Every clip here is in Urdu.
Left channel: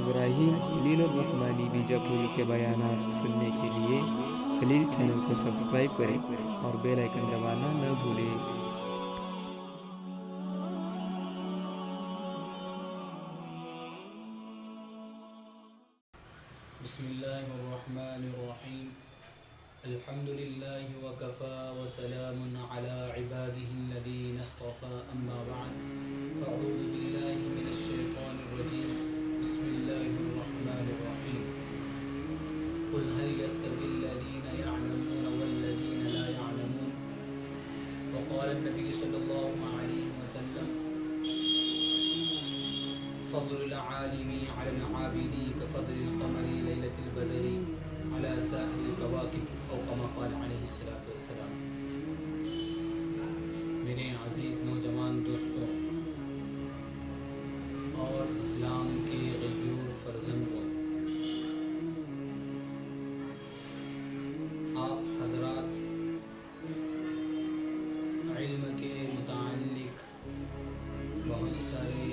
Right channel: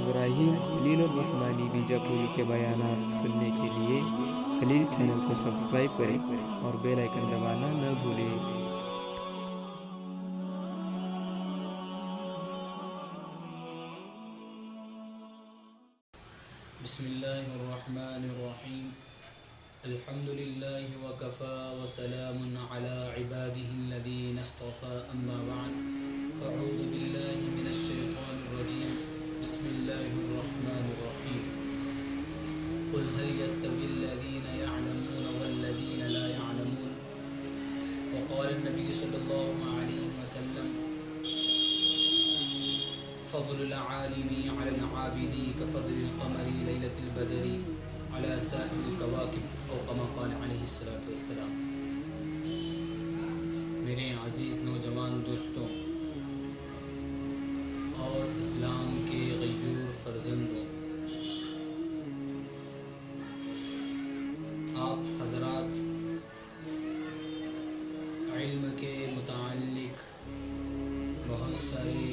ابراہیم خلیل الرحمانی بیجاپوری کے بیانات سننے کے لیے خلیل چینل کو سبسکرائب کریں اور بیل آئکن دبانا نہ بھولیں۔ بسم اللہ الرحمن الرحیم الحمد للہ وکفا وسلام علی عباده الذین اصطفى اما بعد فاعوذ باللہ من الشیطان الرجیم بسم اللہ الرحمن الرحیم قل هل يستوي الذین يعلمون والذین لا يعلمون وقال النبی صلی اللہ علیہ وسلم فضل العالم على العابد كفضل القمر ليلة البدر على سائر الكواكب او كما قال عليه الصلاة والسلام۔ میرے عزیز نوجوان دوستوں اور اسلام کے غیور فرزندوں، آپ حضرات علم کے متعلق بہت سارے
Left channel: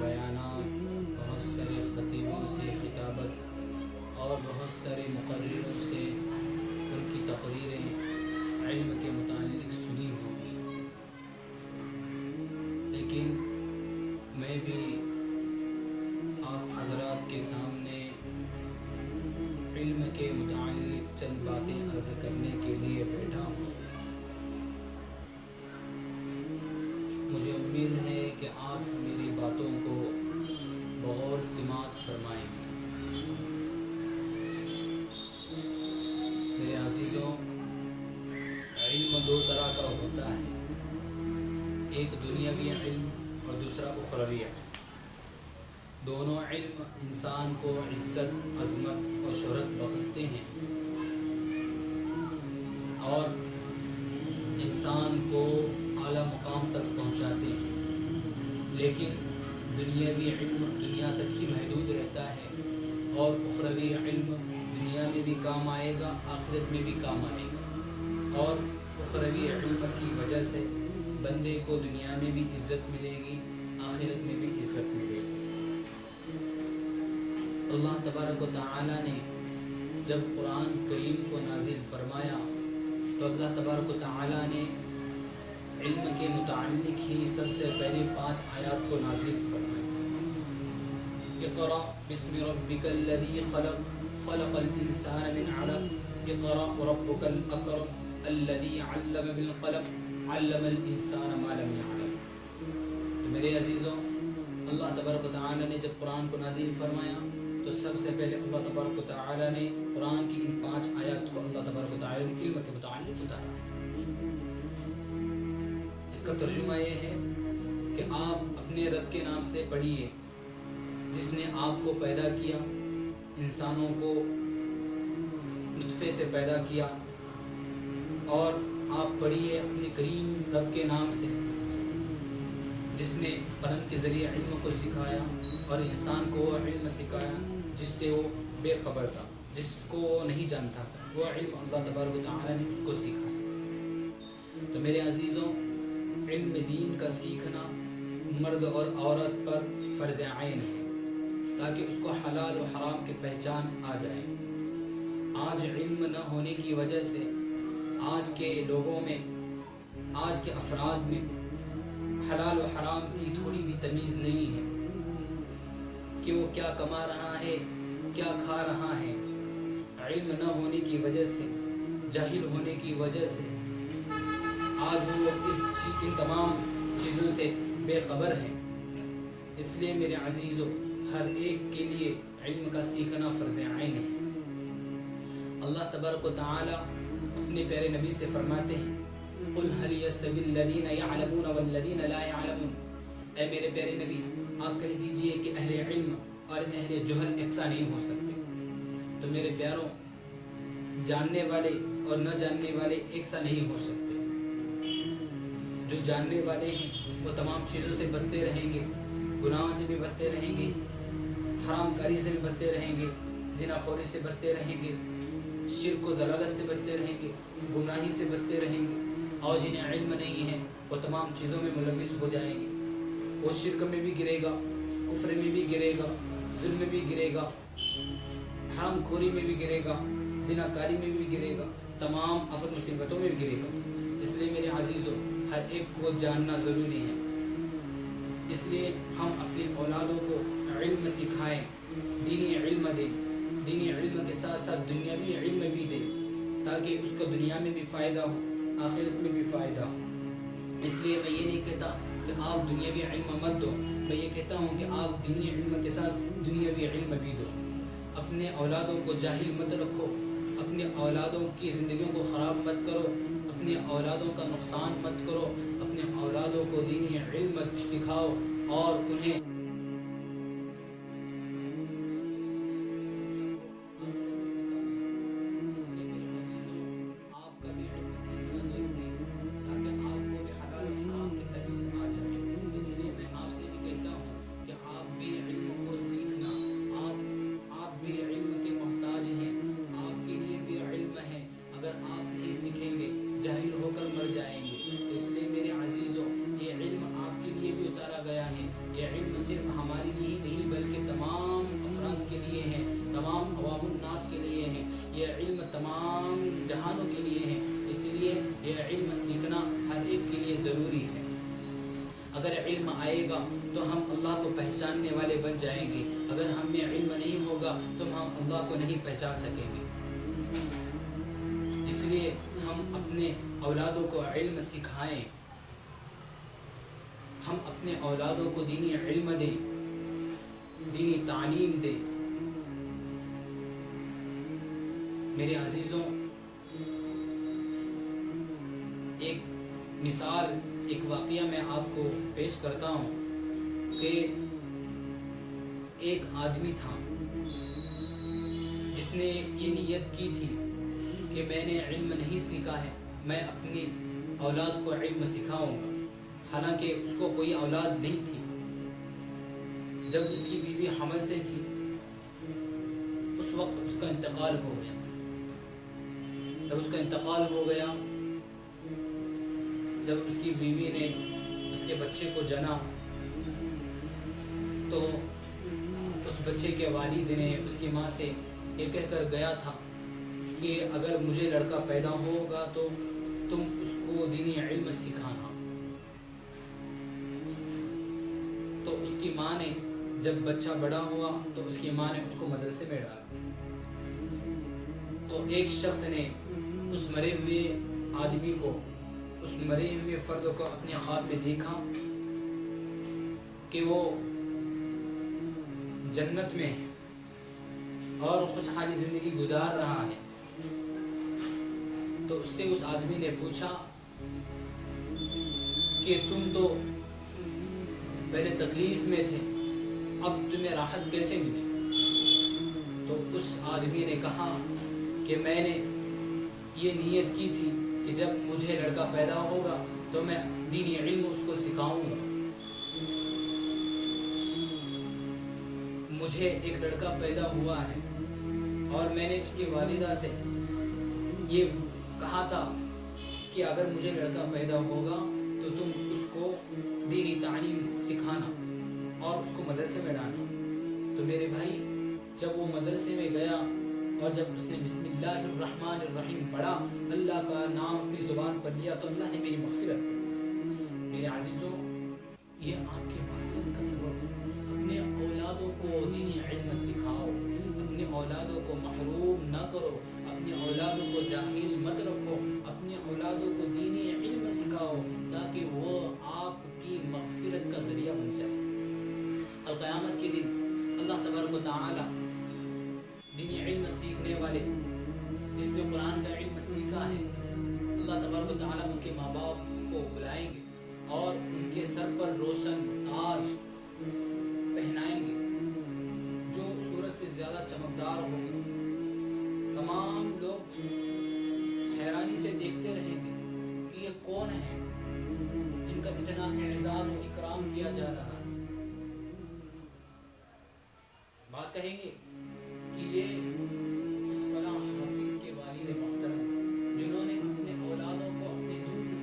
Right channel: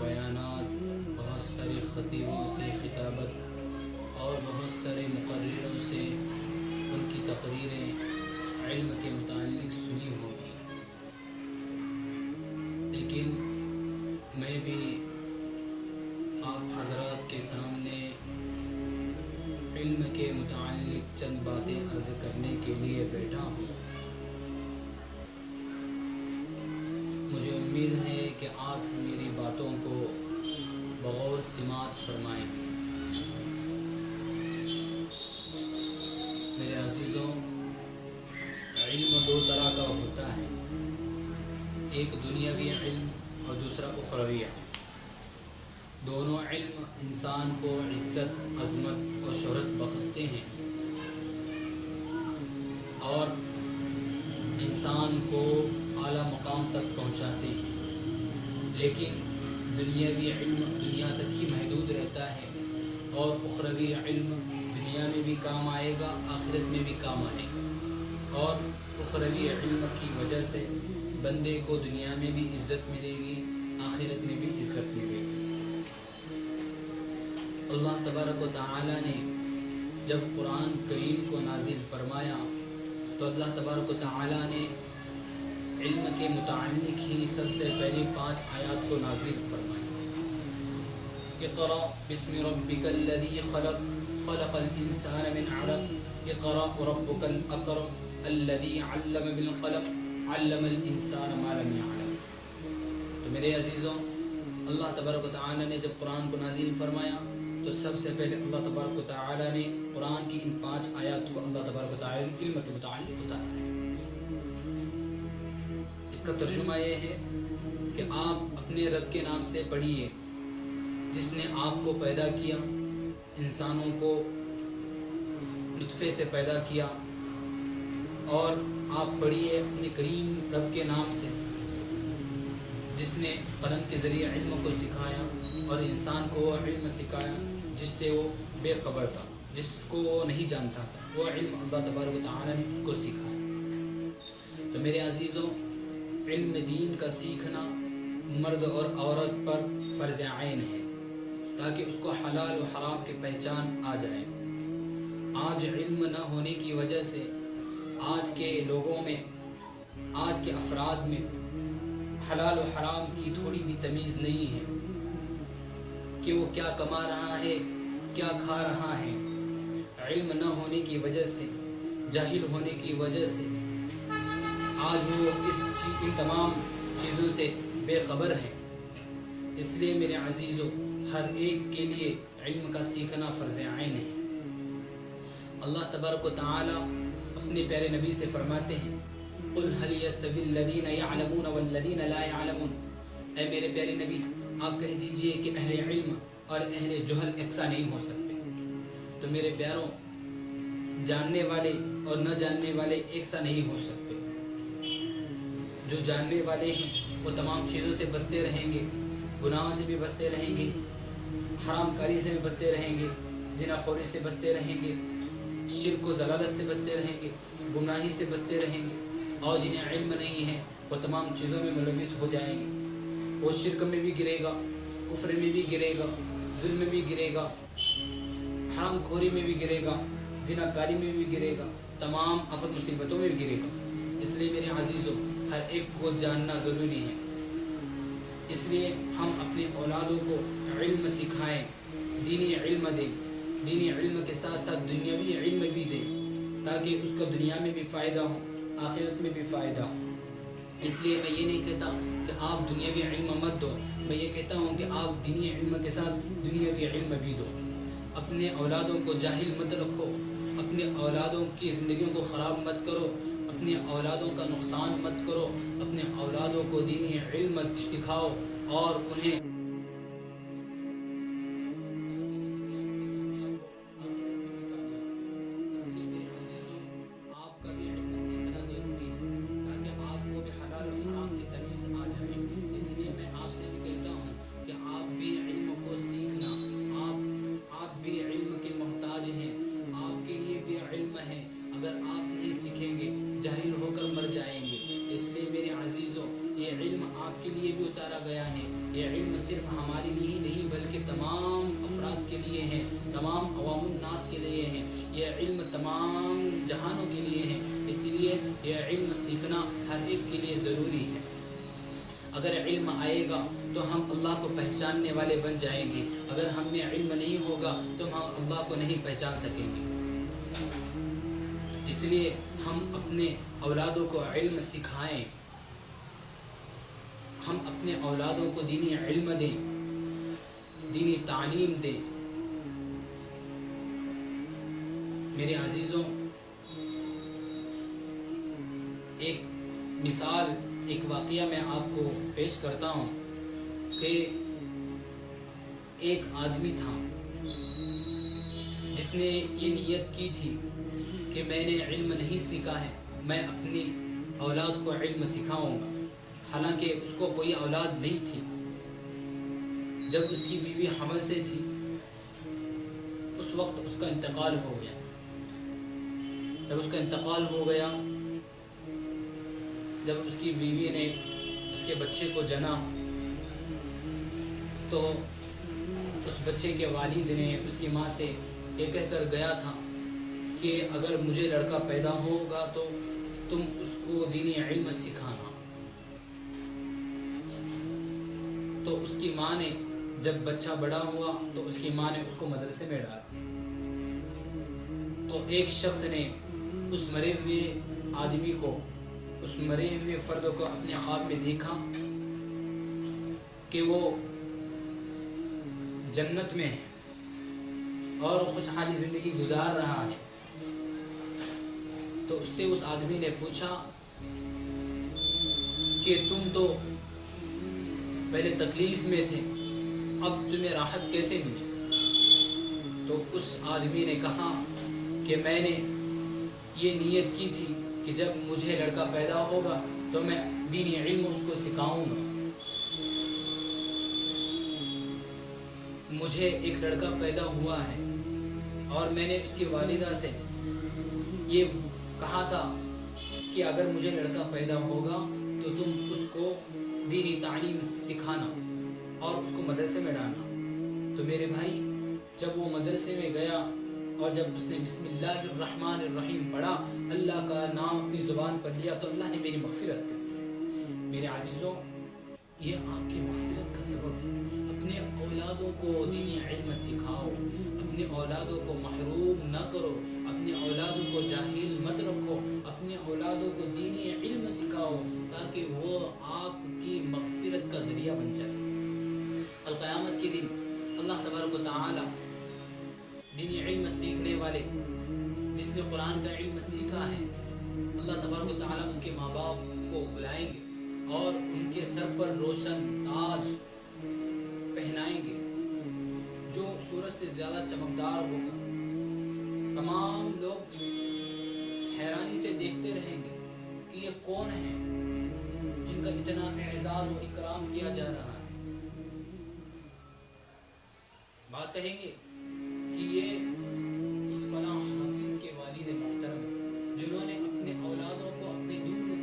بیانات، بہت سارے خطیبوں سے خطابت اور بہت سارے مقرروں سے ان کی تقریریں علم کے متعلق سنی ہوگی، لیکن میں بھی آپ حضرات کے سامنے علم کے متعلق چند باتیں عرض کرنے کے لیے بیٹھا ہوں۔ مجھے امید ہے کہ آپ میری باتوں کو بغور سماعت فرمائیں گے۔ میرے عزیزوں، علم دو طرح کا ہوتا ہے، ایک دنیاوی علم اور دوسرا اخروی علم۔ دونوں علم انسان کو عزت، عظمت اور شہرت بخشتے ہیں اور انسان کو اعلیٰ مقام تک پہنچاتے ہیں، لیکن دنیاوی علم دنیا تک ہی محدود رہتا ہے اور اخروی علم دنیا میں بھی کام آئے گا، آخرت میں بھی کام آئے گا، اور اخروی علم کی وجہ سے بندے کو دنیا میں بھی عزت ملے گی، آخرت میں بھی عزت ملے گی۔ اللہ تبارک و تعالی نے جب قرآن کریم کو نازل فرمایا تو اللہ تبارک و تعالی نے علم کے متعلق ہی سب سے پہلی 5 آیات کو نازل فرمائی۔ اقرأ بسم ربک الذی خلق خلق الانسان من علق اقرأ ربک الاکرم الذی علم بالقلم علم الانسان ما لم يعلم۔ تو میرے عزیزوں، اللہ تبارک و تعالی نے جب قرآن کو نازل فرمایا تو سب سے پہلے اللہ تبارک و تعالی نے قرآن کی ان 5 آیات کو اللہ تبارک و تعالی نے علم کے متعلق اتارا ہے۔ اس کا ترجمہ یہ ہے کہ آپ اپنے رب کے نام سے پڑھیے جس نے آپ کو پیدا کیا، انسانوں کو نطفے سے پیدا کیا، اور آپ پڑھیے اپنے کریم رب کے نام سے جس نے قلم کے ذریعے علم کو سکھایا اور انسان کو وہ علم سکھایا جس سے وہ بے خبر تھا، جس کو وہ نہیں جانتا تھا، وہ علم اللہ تبارک و تعالی نے اس کو سکھایا۔ تو میرے عزیزوں، علم دین کا سیکھنا مرد اور عورت پر فرض عین ہے تاکہ اس کو حلال و حرام کی پہچان آ جائے۔ آج علم نہ ہونے کی وجہ سے آج کے لوگوں میں، آج کے افراد میں حلال و حرام کی تھوڑی بھی تمیز نہیں ہے کہ وہ کیا کما رہا ہے، کیا کھا رہا ہے۔ علم نہ ہونے کی وجہ سے، جاہل ہونے کی وجہ سے آج وہ ان تمام چیزوں سے بے خبر ہیں۔ اس لیے میرے عزیزوں، ہر ایک کے لیے علم کا سیکھنا فرض عین ہے۔ اللہ تبارک و تعالی اپنے پیارے نبی سے فرماتے ہیں قل هل يستوي الذين يعلمون والذين لا يعلمون، اے میرے پیارے نبی آپ کہہ دیجئے کہ اہل علم اور اہل جہل یکساں نہیں ہو سکتے۔ تو میرے پیاروں، جاننے والے اور نہ جاننے والے ایک سا نہیں ہو سکتے۔ جو جاننے والے ہیں وہ تمام چیزوں سے بچتے رہیں گے، گناہوں سے بھی بچتے رہیں گے، حرام کاری سے بھی بچتے رہیں گے، زنا خوری سے بچتے رہیں گے، شرک و ضلالت سے بچتے رہیں گے، گمراہی سے بچتے رہیں گے، اور جنہیں علم نہیں ہے وہ تمام چیزوں میں ملوث ہو جائیں گے۔ وہ شرک میں بھی گرے گا، کفر میں بھی گرے گا، ظلم میں بھی گرے گا، حرام خوری میں بھی گرے گا، زناکاری میں بھی گرے گا، تمام آفت مصیبتوں میں بھی گرے گا۔ اس لیے میرے عزیزوں، ہر ایک کو جاننا ضروری ہے۔ اس لیے ہم اپنے اولادوں کو علم سکھائیں، دینی علم دیں، دینی علم کے ساتھ ساتھ دنیاوی علم بھی دیں، تاکہ اس کا دنیا میں بھی فائدہ ہو، آخرت میں بھی فائدہ ہو۔ اس لیے میں یہ نہیں کہتا کہ آپ دنیاوی علم مت دو، میں یہ کہتا ہوں کہ آپ دینی علم کے ساتھ دنیاوی علم بھی دو۔ اپنے اولادوں کو جاہل مت رکھو، اپنے اولادوں کی زندگیوں کو خراب مت کرو، اپنے اولادوں کا نقصان مت کرو، اپنے اولادوں کو دینی علم سکھاؤ اور انہیں اگر آپ نہیں سیکھیں گے جاہل ہو کر مر جائیں گے۔ اس لیے میرے عزیزوں، یہ علم آپ کے لیے بھی اتارا گیا ہے۔ یہ علم صرف ہمارے لیے ہی نہیں بلکہ تمام افراد کے لیے ہے، تمام عوام الناس کے لیے ہے، یہ علم تمام جہانوں کے لیے ہے۔ اس لیے یہ علم سیکھنا ہر ایک کے لیے ضروری ہے۔ اگر علم آئے گا تو ہم اللہ کو پہچاننے والے بن جائیں گے، اگر ہم میں علم نہیں ہوگا تو ہم اللہ کو نہیں پہچان سکیں گے۔ اس لیے ہم اپنے اولادوں کو علم سکھائیں، ہم اپنے اولادوں کو دینی علم دیں، دینی تعلیم دیں۔ میرے عزیزوں، ایک مثال، ایک واقعہ میں آپ کو پیش کرتا ہوں کہ ایک آدمی تھا جس نے یہ نیت کی تھی کہ میں نے علم نہیں سیکھا ہے، میں اپنی اولاد کو علم سکھاؤں گا۔ حالانکہ اس کو کوئی اولاد نہیں تھی۔ جب اس کی بیوی حمل سے تھی اس وقت اس کا انتقال ہو گیا۔ جب اس کا انتقال ہو گیا، جب اس کی بیوی نے اس کے بچے کو جنا تو اس بچے کے والد نے اس کی ماں سے یہ کہہ کر گیا تھا کہ اگر مجھے لڑکا پیدا ہوگا تو تم اس کو دینی علم سکھانا۔ تو اس کی ماں نے، جب بچہ بڑا ہوا تو اس کی ماں نے اس کو مدرسے میں ڈالا۔ تو ایک شخص نے اس مرے ہوئے آدمی کو، اس مرے ہوئے فرد کو اپنے خواب میں دیکھا کہ وہ جنت میں ہے اور خوشحالی زندگی گزار رہا ہے۔ تو اس سے اس آدمی نے پوچھا کہ تم تو پہلے تکلیف میں تھے، اب تمہیں راحت کیسے ملی؟ تو اس آدمی نے کہا کہ میں نے یہ نیت کی تھی کہ جب مجھے لڑکا پیدا ہوگا تو میں دینی علم اس کو سکھاؤں گا۔ مجھے ایک لڑکا پیدا ہوا ہے اور میں نے اس کی والدہ سے یہ کہا تھا کہ اگر مجھے لڑکا پیدا ہوگا تو تم اس کو دینی تعلیم سکھانا اور اس کو مدرسے میں ڈالنا۔ تو میرے بھائی، جب وہ مدرسے میں گیا اور جب اس نے بسم اللہ الرحمن الرحیم پڑھا، اللہ کا نام اپنی زبان پر لیا، تو اللہ نے میری مغفرت کر دی۔ میرے عزیزوں، یہ آپ کی مغفرت کا سبب ہے۔ اپنے اولادوں کو دینی علم سکھاؤ، اپنے اولادوں کو محروم نہ کرو، اپنے اولادوں کو جاہل مت رکھو، اپنے اولادوں کو دینی علم سکھاؤ تاکہ وہ آپ کی مغفرت کا ذریعہ بن جائے۔ القیامت کے دن اللہ تبارک و تعالی دینی علم سیکھنے والے، جس نے قرآن کا علم سیکھا ہے، اللہ تبارک و تعالی اس کے ماں باپ کو بلائیں گے اور ان کے سر پر روشن تاج پہنائیں گے جو سورج سے زیادہ چمکدار ہوگا۔ تمام لوگ حیرانی سے دیکھتے رہیں گے کہ یہ کون ہے جن کا اتنا اعزاز و اکرام کیا جا رہا ہے۔ بعض کہیں گے کہ یہ اس فلاں حافظ کے والد محترم جنہوں نے اپنے اولادوں کو اپنے دور